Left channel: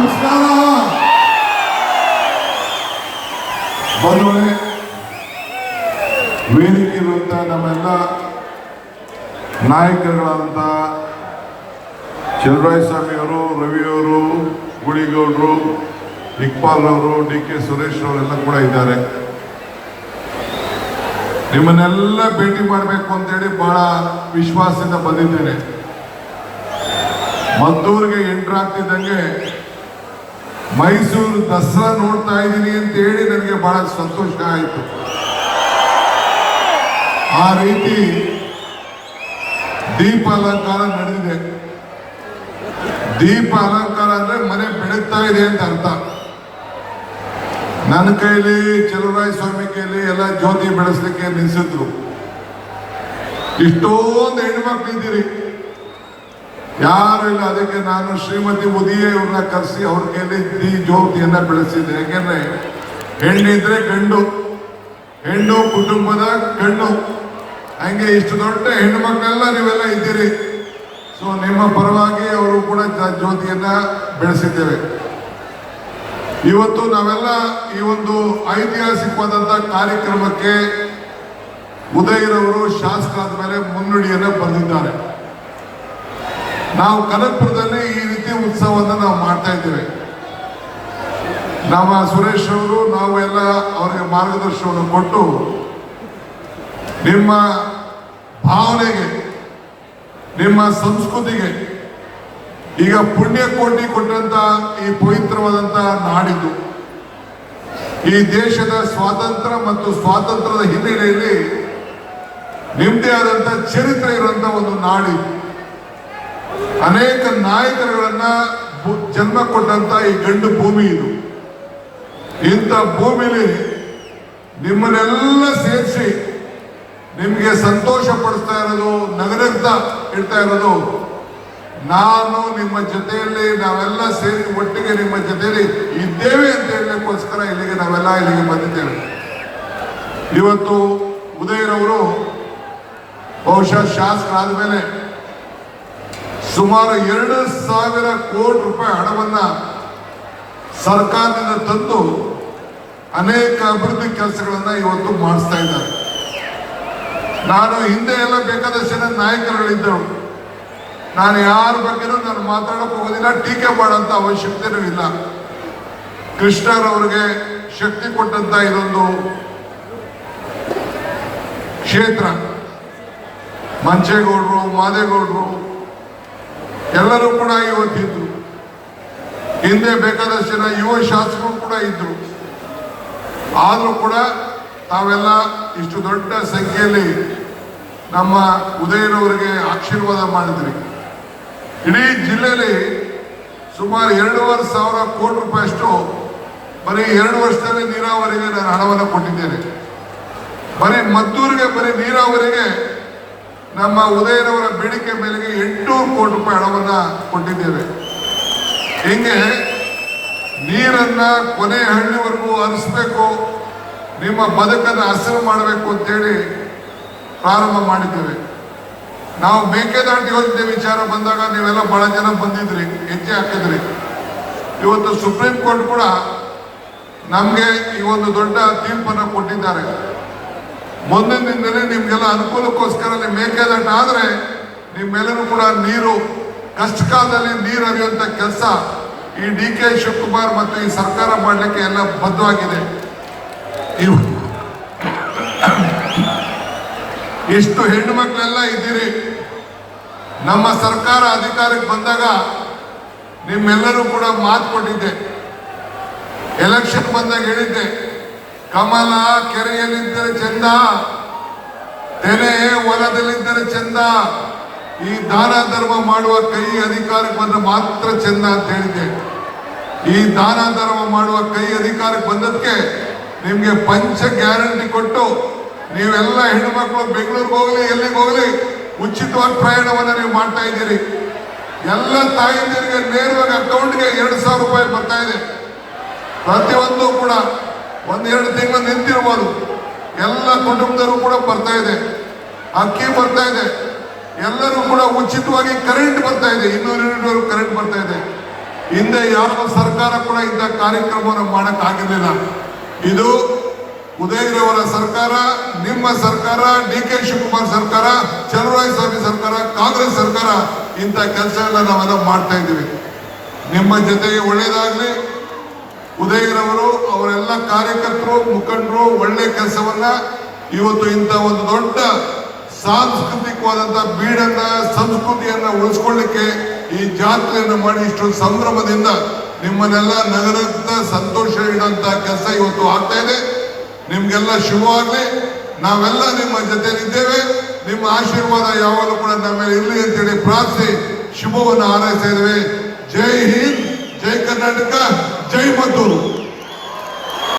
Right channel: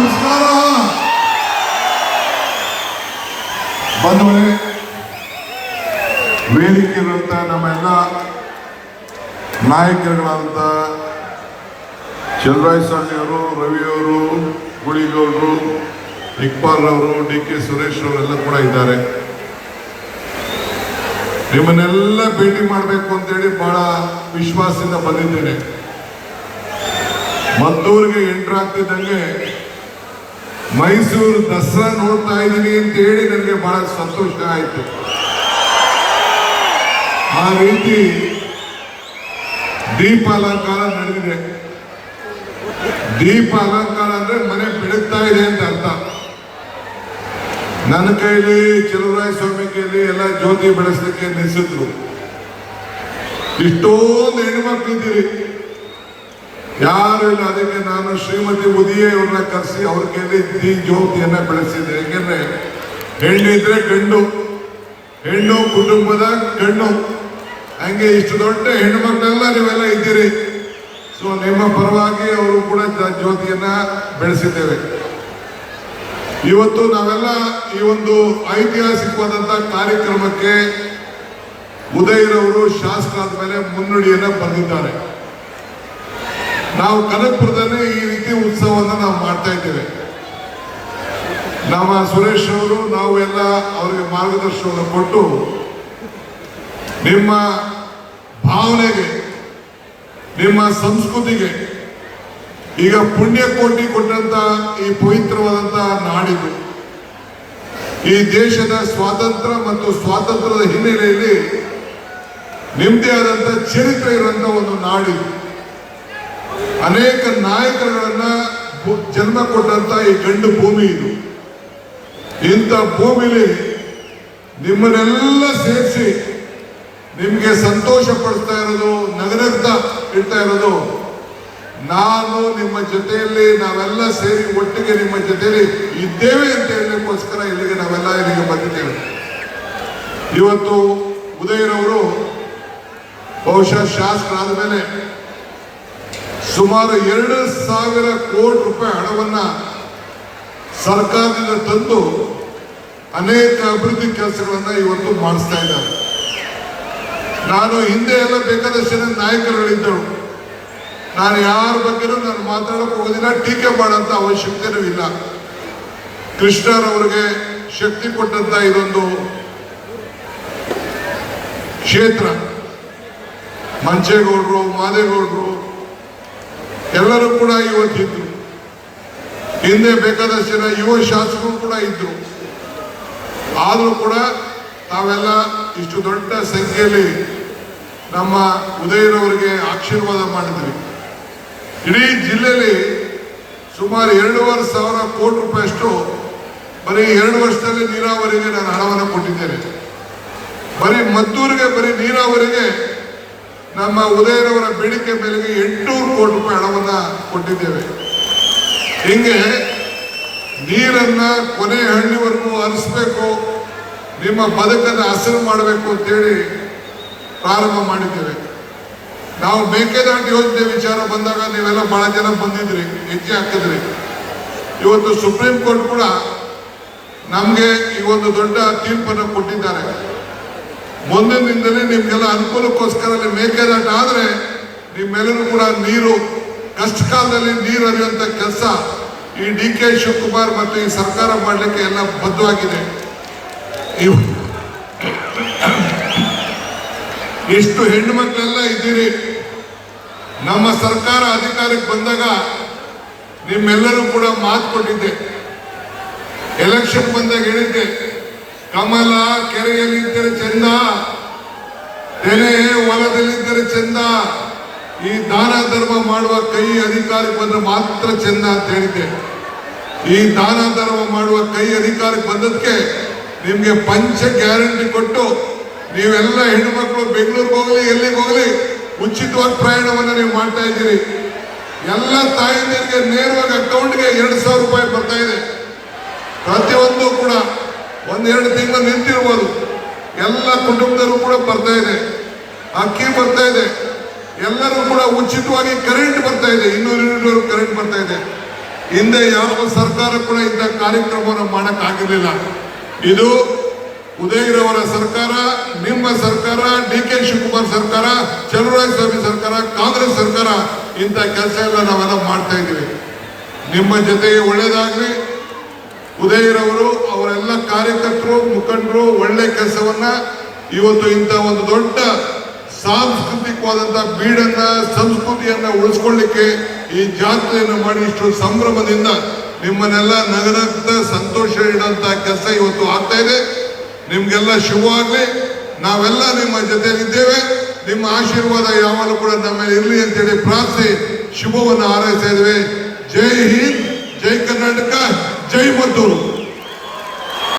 ನಮಸ್ಕಾರ ಬಂಧುಗಳೇ, ವೇದಿಕೆಯಿರುವಂಥ ನಮ್ಮೆಲ್ಲ ನಾಯಕರುಗಳಾದಂಥ ಚಲುವರಾಯಸ್ವಾಮಿ ಅವರು, ರವಿಯವರು, ಗುಳಿಗೌಡರು, ಇಕ್ಬಾಲ್ ಅವರು, ಡಿ ಕೆ ಸುರೇಶ್ ಅವರೆಲ್ಲ ಕೂಡ ಇದ್ದಾರೆ. ನಿಮ್ಮನ್ನೆಲ್ಲ ಭೇಟಿ ಮಾಡಬೇಕು ಅಂತೇಳಿ ಬಹಳ ವಿಶ್ವಾಸದಿಂದ ಬಂದಿದ್ದೇನೆ. ಮದ್ದೂರಿಗೆ ಎಂಟ್ರ್ ಆಗ್ತಿದ್ದಂಗೆ ಮೈಸೂರು ದಸರಾ ನೋಡ್ತಾ ಇದ್ದೀನಿ ಅಂತ ಹೇಳಿ ನನಗೆ ಬಹಳ ಸಂತೋಷ ಆಯಿತು. ಆ ರೀತಿ ದೀಪ ಅಲಂಕಾರ ನಡೆದಿದೆ. ದೀಪ ಅಲಂಕಾರ ಅಂದ್ರೆ ಮನೆ ಬೆಳಗ್ತಾ ಇದೆ ಅಂತ ಅರ್ಥ. ನನ್ನ ಕೈಲಿ, ಚಲುವರಾಯಸ್ವಾಮಿ ಕೈಲಿ ಎಲ್ಲ ಜ್ಯೋತಿ ಬೆಳೆಸಲಿಕ್ಕೆ ನಿಲ್ಲಿಸಿದ್ರು. ಇಷ್ಟೊಂದು ಹೆಣ್ಮಕ್ಳಿದ್ದೀರಿ, ಯಾರು ಇಲ್ಲ. ಅದಕ್ಕೆ ನಾನು ಶ್ರೀಮತಿ ಉದಿಯೇ ಇವ್ರನ್ನ ಕರೆಸಿ ಅವ್ರ ಕೈಲಿ ಈ ಜ್ಯೋತಿಯನ್ನ ಬೆಳೆಸಿದ್ದೆ. ಯಾಕೆಂದ್ರೆ ಹೆಣ್ಣಿದ್ರೆ ಗಂಡು, ಹೆಣ್ಣು ಕುಟುಂಬದ ಗಂಡು. ಹಂಗೆ ಇಷ್ಟು ದೊಡ್ಡ ಹೆಣ್ಣು ಮಕ್ಕಳೆಲ್ಲ ನೀವೆಲ್ಲ ಇದ್ದೀರಿ. ಸೊ ನಿಮ್ಮ ಪರವಾಗಿ ಅವರು ಕೂಡ ಜ್ಯೋತಿಯನ್ನ ಬೆಳೆಸಿದ್ದೇವೆ. ಇವತ್ತು ನಾವೆಲ್ಲ ಈ ಒಂದು ಐತಿಹಾಸಿಕವಾದಂತಹ ಕಾರ್ಯಕ್ರಮಕ್ಕೆ ಉದಯರವರು ಶಾಸಕರಾದ ಮೇಲೆ ಮುನ್ನುಡಿಯನ್ನ ಬರೆದಿದ್ದಾರೆ. ನಾವು ಕನಕಪುರದಲ್ಲಿ ಈ ರೀತಿ ಉತ್ಸವವನ್ನು ನಾವು ಮಾಡ್ತಾ ಇದ್ದೇವೆ. ನಮ್ಮ ಸುರೇಶ್ ಅವರು, ನಾವು ಎಲ್ಲ ಅವರಿಗೆ ಮಾರ್ಗದರ್ಶನವನ್ನು ಕೊಟ್ಟು ನಿಮ್ಮ ಭಾವನೆಗೆ, ನಿಮ್ಮ ಸಂಸ್ಕೃತಿಗೆ, ಈಗ ಪುಣ್ಯಕೋಟಿ ಕೊಟ್ಟಂತ ಈ ಪವಿತ್ರವಾದಂತ ನಾಡಿದು, ಈ ದೇಶದ ಸ್ವಾತಂತ್ರ್ಯ ಮತ್ತು ಸ್ವಾತಂತ್ರ್ಯದ ಹಿನ್ನೆಲೆಯಲ್ಲಿ ನಿಮ್ಮದೇ ಆದಂತ ಚರಿತ್ರೆ ಇರುವಂತ ಒಂದು ನಾಡಿದು. ಅನೇಕ ನಾಯಕರುಗಳನ್ನ ಜನ್ಮ ಕೊಟ್ಟಂತ ಈ ಗಂಡು ಭೂಮಿ ಇದು. ಇಂಥ ಭೂಮಿಲಿ ನಿಮ್ಮನ್ನೆಲ್ಲ ಸೇರಿಸಿ ನಿಮ್ಗೆ ಸಂತೋಷ ಪಡಿಸ್ತಾ ಇರೋದು, ನಗರಗ್ತಾ ಇಡ್ತಾ ಇರೋದು ನಾನು ನಿಮ್ಮ ಜೊತೆಯಲ್ಲಿ, ನಾವೆಲ್ಲ ಸೇರಿ ಒಟ್ಟಿಗೆ ನಿಮ್ಮ ಜೊತೆಯಲ್ಲಿ ಇದ್ದೇವೆ ಅಂತ ಹೇಳಲಿಕ್ಕೋಸ್ಕರ ಇಲ್ಲಿಗೆ ನಾವೆಲ್ಲ ಇಲ್ಲಿಗೆ ಬಂದಿದ್ದೇವೆ. ಇವತ್ತು ಉದಯರವರು ಬಹುಶಃ ಶಾಸಕರಾದ ಮೇಲೆ ಸುಮಾರು 2,000 ಕೋಟಿ ರೂಪಾಯಿ ಹಣವನ್ನ ಸರ್ಕಾರದಿಂದ ತಂದು ಅನೇಕ ಅಭಿವೃದ್ಧಿ ಕೆಲಸಗಳನ್ನ ಇವತ್ತು ಮಾಡಿಸ್ತಾ ಇದ್ದಾರೆ. ನಾನು ಹಿಂದೆ ಎಲ್ಲ ಬೇಕಾದಷ್ಟು ಜನ ನಾಯಕರುಗಳಿದ್ದರು. ನಾನು ಯಾರ ಬಗ್ಗೆನೂ ನಾನು ಮಾತಾಡಕ್ಕೆ ಹೋಗೋದಿಲ್ಲ, ಟೀಕೆ ಮಾಡೋಂಥ ಅವಶ್ಯಕತೆನೂ ಇಲ್ಲ. ಕೃಷ್ಣರವರಿಗೆ ಶಕ್ತಿ ಕೊಟ್ಟಂತ ಇದೊಂದು ಕ್ಷೇತ್ರ. ಮಂಚೇಗೌಡರು, ಮಾದೇಗೌಡರು ಎಲ್ಲರೂ ಕೂಡ ಇವತ್ತಿದ್ರು. ಹಿಂದೆ ಬೇಕಾದಷ್ಟು ಜನ ಯುವ ಶಾಸಕರು ಕೂಡ ಇದ್ರು. ಆದರೂ ಕೂಡ ತಾವೆಲ್ಲ ಇಷ್ಟು ದೊಡ್ಡ ಸಂಖ್ಯೆಯಲ್ಲಿ ನಮ್ಮ ಉದಯನವರಿಗೆ ಆಶೀರ್ವಾದ ಮಾಡಿದ್ರಿ. ಇಡೀ ಜಿಲ್ಲೆಯಲ್ಲಿ ಸುಮಾರು 2,500 ಕೋಟಿ ರೂಪಾಯಿಯಷ್ಟು ಬರೀ 2 ವರ್ಷದಲ್ಲಿ ನೀರಾವರಿಗೆ ನಾನು ಹಣವನ್ನು ಕೊಟ್ಟಿದ್ದೇನೆ. ಬರೀ ಮದ್ದೂರಿಗೆ, ಬರೀ ನೀರಾವರಿಗೆ ನಮ್ಮ ಉದಯನವರ ಬೇಡಿಕೆ ಮೇಲೆಗೆ 800 ಕೋಟಿ ರೂಪಾಯಿ ಹಣವನ್ನ ಕೊಟ್ಟಿದ್ದೇವೆ. ಹಿಂಗೆ ನೀರನ್ನ ಕೊನೆ ಹಳ್ಳಿವರೆಗೂ ಹರಿಸಬೇಕು, ನಿಮ್ಮ ಬದುಕನ್ನು ಹಸಿರು ಮಾಡಬೇಕು ಅಂತೇಳಿ ಪ್ರಾರಂಭ ಮಾಡಿದ್ದೇವೆ. ನಾವು ಮೇಕೆದಾಟು ಯೋಜನೆ ವಿಚಾರ ಬಂದಾಗ ನೀವೆಲ್ಲ ಬಹಳ ಜನ ಬಂದಿದ್ರಿ, ಹೆಜ್ಜೆ ಹಾಕಿದ್ರಿ. ಇವತ್ತು ಸುಪ್ರೀಂ ಕೋರ್ಟ್ ಕೂಡ ನಮಗೆ ಈ ಒಂದು ದೊಡ್ಡ ತೀರ್ಪನ್ನು ಕೊಟ್ಟಿದ್ದಾರೆ. ಮುಂದಿನ ದಿನದಲ್ಲಿ ನಿಮ್ಗೆಲ್ಲ ಅನುಕೂಲಕ್ಕೋಸ್ಕರ ಮೇಕೆದಾಟ ಆದ್ರೆ ನಿಮ್ಮೆಲ್ಲರೂ ಕೂಡ ನೀರು, ಕಷ್ಟ ಕಾಲದಲ್ಲಿ ನೀರು ಹರಿಯುವಂತ ಕೆಲಸ ಈ ಡಿ ಕೆ ಶಿವಕುಮಾರ್ ಮತ್ತು ಈ ಸರ್ಕಾರ ಮಾಡಲಿಕ್ಕೆ ಎಲ್ಲ ಬದ್ಧವಾಗಿದೆ. ಎಷ್ಟು ಹೆಣ್ಣು ಮಕ್ಕಳೆಲ್ಲ ಇದ್ದೀರಿ. ನಮ್ಮ ಸರ್ಕಾರ ಅಧಿಕಾರಕ್ಕೆ ಬಂದಾಗ ನಿಮ್ಮೆಲ್ಲರೂ ಕೂಡ ಮಾತು ಕೊಟ್ಟಿದ್ದೆ. ಎಲೆಕ್ಷನ್ ಬಂದಾಗ ಹೇಳಿದ್ದೆ, ಕಮಲ ಕೆರೆಯಲ್ಲಿದ್ದರೆ ಚಂದ, ತೆನೆ ಹೊಲದಲ್ಲಿದ್ದರೆ ಚಂದ, ಈ ದಾನ ಧರ್ಮ ಮಾಡುವ ಕೈ ಅಧಿಕಾರಕ್ಕೆ ಬಂದ್ರೆ ಮಾತ್ರ ಚಂದ ಅಂತ ಹೇಳಿದ್ದೆ. ಈ ದಾನ ಧರ್ಮ ಮಾಡುವ ಕೈ ಅಧಿಕಾರಕ್ಕೆ ಬಂದದಕ್ಕೆ ನಿಮ್ಗೆ ಪಂಚ ಗ್ಯಾರಂಟಿ ಕೊಟ್ಟು ನೀವೆಲ್ಲ ಹೆಣ್ಣುಮಕ್ಕಳು ಬೆಂಗಳೂರಿಗೆ ಹೋಗ್ಲಿ, ಎಲ್ಲಿಗೆ ಹೋಗ್ಲಿ ಉಚಿತವಾಗಿ ಪ್ರಯಾಣವನ್ನು ನೀವು ಮಾಡ್ತಾ ಇದ್ದೀರಿ. ಎಲ್ಲ ತಾಯಂದಿರಿಗೆ ನೇರವಾಗಿ ಅಕೌಂಟ್ಗೆ 2,000 ರೂಪಾಯಿ ಬರ್ತಾ ಇದೆ. ಪ್ರತಿಯೊಂದು ಕೂಡ 1-2 ತಿಂಗಳು ನಿಂತಿರ್ಬೋದು. ಎಲ್ಲ ಕುಟುಂಬದವರು ಕೂಡ ಬರ್ತಾ ಇದೆ, ಅಕ್ಕಿ ಬರ್ತಾ ಇದೆ, ಎಲ್ಲರೂ ಕೂಡ ಉಚಿತವಾಗಿ ಕರೆಂಟ್ ಬರ್ತಾ ಇದೆ. 200 ಯೂನಿಟ್ ಕರೆಂಟ್ ಬರ್ತಾ ಇದೆ. ಹಿಂದೆ ಯಾವ ಸರ್ಕಾರ ಕೂಡ ಇಂಥ ಕಾರ್ಯಕ್ರಮವನ್ನು ಮಾಡಕ್ಕಾಗಿರ್ಲಿಲ್ಲ. ಇದು ಉದಯಗಿರಿಯವರ ಸರ್ಕಾರ, ನಿಮ್ಮ ಸರ್ಕಾರ, ಡಿ.ಕೆ. ಶಿವಕುಮಾರ್ ಸರ್ಕಾರ, ಚಲುವರಾಯಸ್ವಾಮಿ ಸರ್ಕಾರ, ಕಾಂಗ್ರೆಸ್ ಸರ್ಕಾರ ಇಂಥ ಕೆಲಸ ಎಲ್ಲ ನಾವೆಲ್ಲ ಮಾಡ್ತಾ ಇದ್ದೀವಿ. ನಿಮ್ಮ ಜೊತೆಗೆ ಒಳ್ಳೇದಾಗ್ಲಿ. ಉದಯಗಿರವರು ಅವರೆಲ್ಲ ಕಾರ್ಯಕರ್ತರು, ಮುಖಂಡರು ಒಳ್ಳೆ ಕೆಲಸವನ್ನ ಇವತ್ತು ಇಂಥ ಒಂದು ದೊಡ್ಡ ಸಾಂಸ್ಕೃತಿಕವಾದಂಥ ಬೀಡನ್ನ, ಸಂಸ್ಕೃತಿಯನ್ನ ಉಳಿಸ್ಕೊಳ್ಳಿಕ್ಕೆ ಈ ಜಾತ್ರೆಯನ್ನು ಮಾಡಿ ಇಷ್ಟು ಸಂಭ್ರಮದಿಂದ ನಿಮ್ಮನ್ನೆಲ್ಲ ನಗನಗ್ತಾ ಸಂತೋಷ ಇಡುವಂತ ಕೆಲಸ ಇವತ್ತು ಆಗ್ತಾ ಇದೆ. ನಿಮ್ಗೆಲ್ಲ ಶುಭವಾಗ್ಲಿ. ನಾವೆಲ್ಲ ನಿಮ್ಮ ಜೊತೆಲಿದ್ದೇವೆ. ನಿಮ್ಮ ಆಶೀರ್ವಾದ ಯಾವಾಗಲೂ ಕೂಡ ನಮ್ಮ ಮೇಲೆ ಇರಲಿ ಅಂತೇಳಿ ಪ್ರಾರ್ಥಿಸಿ ಶುಭವನ್ನು ಹಾರೈಸ್ತಾ ಇದ್ದೇವೆ. ಜೈ ಹಿಂದ್, ಜೈ ಕರ್ನಾಟಕ, ಜೈ ಮದ್ದೂರು.